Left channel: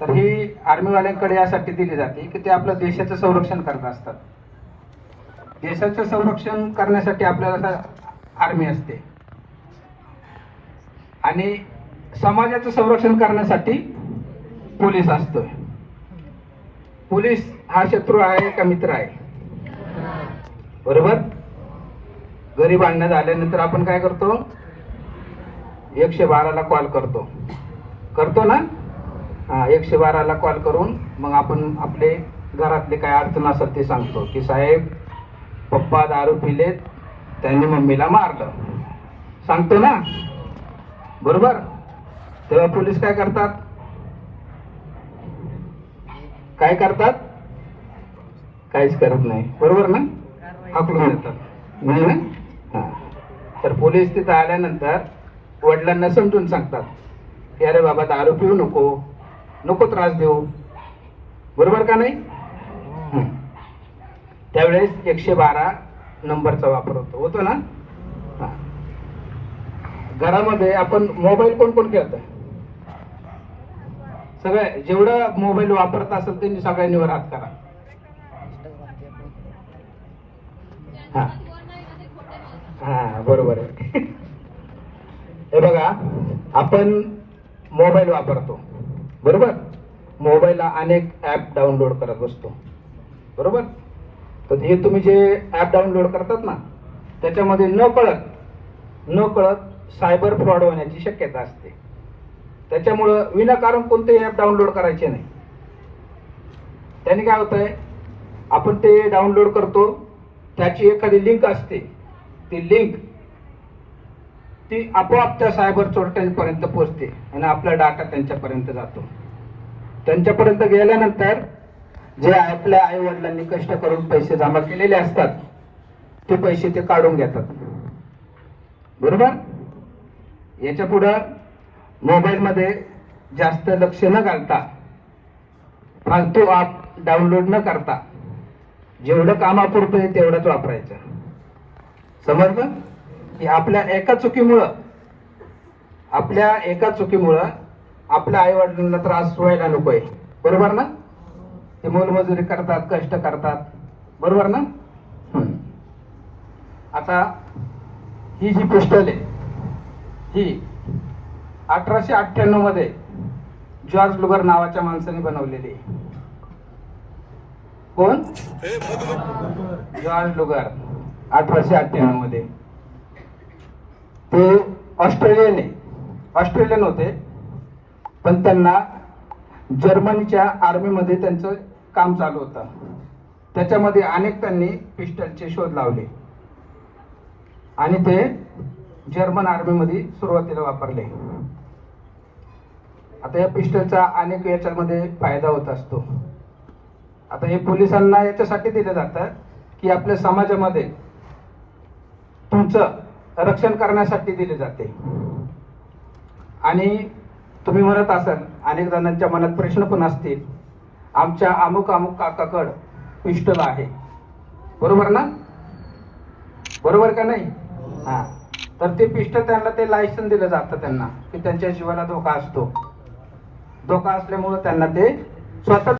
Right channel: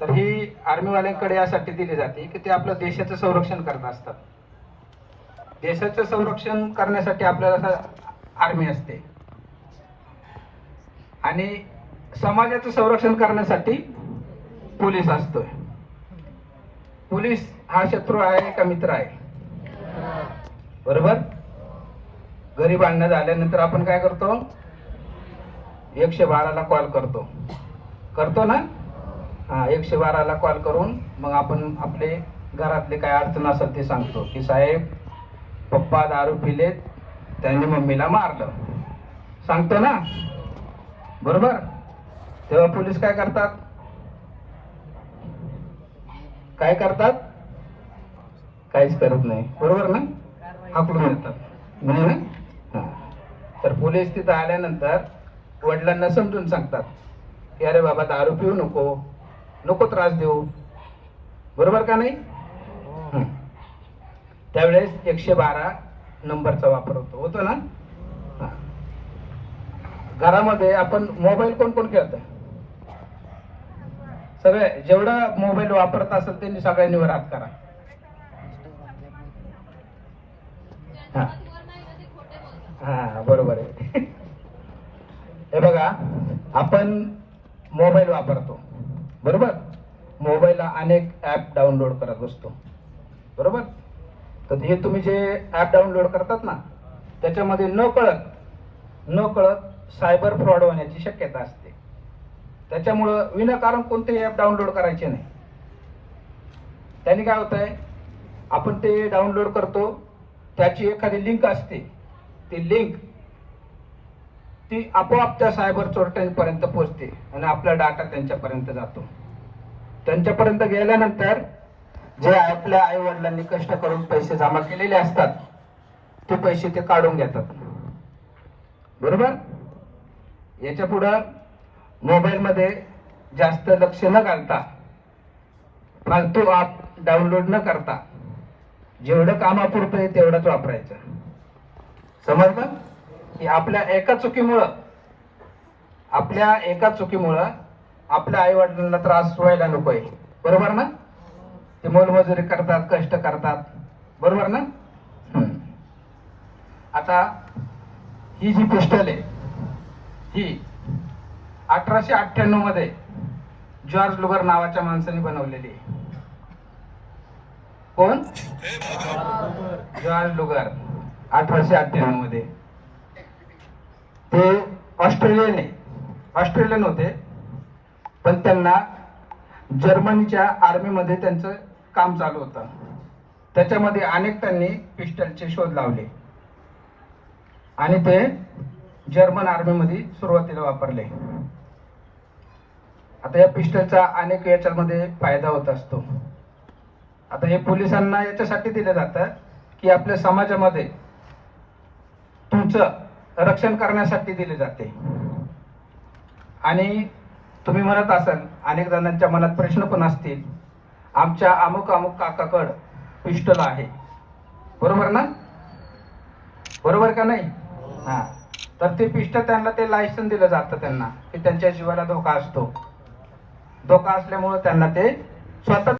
तर ही आर्मीवाल्यांकडे यासाठी दिली जाते की ते आपलं देशाचं संरक्षण करत असतात. देशाचं संरक्षण करण्यासाठी आपल्याला आर्मी असते. आणि समाजाचं संरक्षण करण्यासाठी पोलीस असतोय. पोलीस हा शत्रू आहे का मित्र आहे? बरोबर? गरीब भांडणं झाल्यानंतर आपण काय करतो? एकशे बाराला कॉल करतो. करतो ना? एकशे बाराला कॉल करून मग आपण आपले घरातले काय अडचण असेल ते सांगतो. की साहेब पप्पा दारू पिलेत त्यांनी मम्मीला मारलं. सांगतो ना? बरोबर? तेव्हा पोलीस काय करतात? काय करतात? काहीच करत नाही. बरोबर ना? हाकलून येतात नाही ना हा. तर पोलीस तिथं आल्यानंतर वडिलांना समजून सांगतात. की अरे बाबा दारू पिऊ नको. नको त्रास देऊ. बरोबर का नाही? हं. त्यावेळेस एकशे बारा नंबरचा वापर होतो. होतो ना. घरामध्ये आपण मोबाईल कोण कोण खेळत सगळे जेवढं मोबाईल वापरत असेल त्यांनी सगळ्यांनी वर हात करा. हा. हा बरोबर आहे. हे बघा आपण मोबाईल वापरतो. बरोबर? मोबाईलला अनेक ऍप डाउनलोड करत असतो बरोबर? तर हे तुम्ही जे ऍप डाउनलोड करतात ना त्याच्यामध्ये न कळत न कळत सायबर फ्रॉड होण्याची शक्यता असते. त्याच्यामुळं विनाकारण कोणतेही ऍप डाउनलोड करायचे नाही. त्याने काय होतंय? आपण ते डाउनलोड करतो त्याची एखादी लिंक असते. ती लिंक ती आपोआप त्या सायबर चोरट्यांपर्यंत पोहोचते आणि आपला डाटा त्यांच्यापर्यंत जातो. त्यांच्यापर्यंत गेल्यानंतर जे आपल्या आई वडिलांनी कष्ट करून पैसे जमा केलेले असतात ते पैसे ते काढून घेतात. बरोबर? याच्या पुढं मोबाईलमध्ये जास्त लक्ष न घालता फालतू ॲप डाउनलोड न करता जेवढं कामापुरतं आहे तेवढंच वापरायचं. समजलं? की आपल्या एका चुकीमुळं आपल्या एका चुकीमुळं आपल्या आई वडिलांना त्रास व्हायला नकोय बरोबर ना? ते मोलमजुरी करतात कष्ट करतात. बरोबर ना. आता ही जी पिस्टल आहे ही अठराशे अठ्ठ्याण्णवमध्ये जॉर्ज लुगर नावाच्या माणसाने बनवलेली आहे. कोण? जॉर्ज लुगर अठराशे अठ्ठ्याण्णवमध्ये. ते ऑस्ट्रेलियन ऑस्ट्रेलियन होते. पण त्यांना जर्मनीच्या आर्मीमध्ये त्यांचं काम चालू होतं. त्याच्यामध्ये अनेक त्यांनी पिस्टलचे शोध लावले. आणि ते जर्मन आर्मीमध्ये सुरुवातीला वापरले. आता या पिस्टलचा अनेक याच्यामध्ये फायदा होत असतो. आता हे पोलिसांना याच्यासाठी दिलं जातं की आपल्या समाजामध्ये तुमचं रक्षण करण्यासाठी दिले जाते. आणि तुम्ही म्हणत असाल अनेक जणांच्या मनात प्रश्न पण असतील आमच्या अमुक अमुक काकाकड पिस्टल आहे बरोबर ना? बरोबर का नाही? हा. तर ते पिस्टल त्यांना ते लायसन दिलं जातं त्यांना की त्यांच्या जीवाला धोका असतो. धोका असल्यामुळे त्यांना ते स्वतः